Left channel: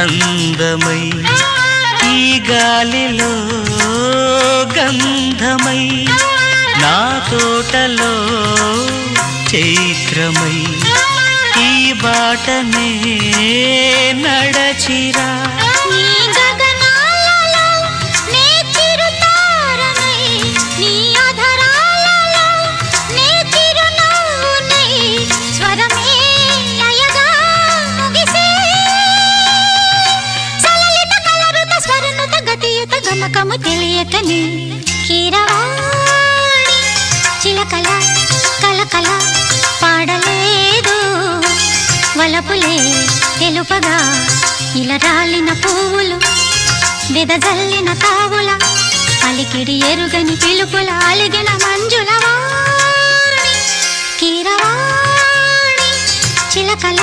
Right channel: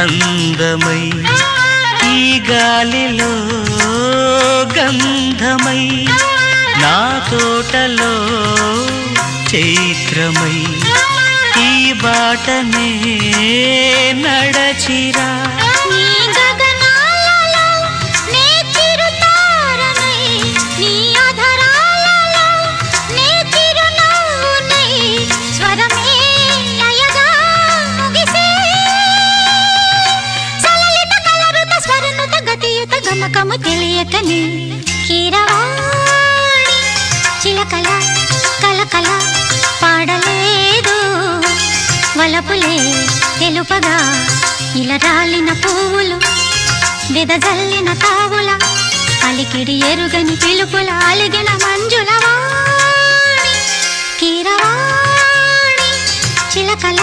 అందమై ఈ గాలిలో గంధమై నా తోటలో చైత్రమై ఈ బాటనే నడచిరా గమకము తెలియకని కీరవాణి చిలకల కలకల పాడలేదు వలపులే తెలుపగా ఇలా రాలిన పువ్వులు వెదజల్లిన తావుల అలికిడి ఎరుగని పిలుపుల అలిగిన మంజుల వాణి కీరవాణి చిలకల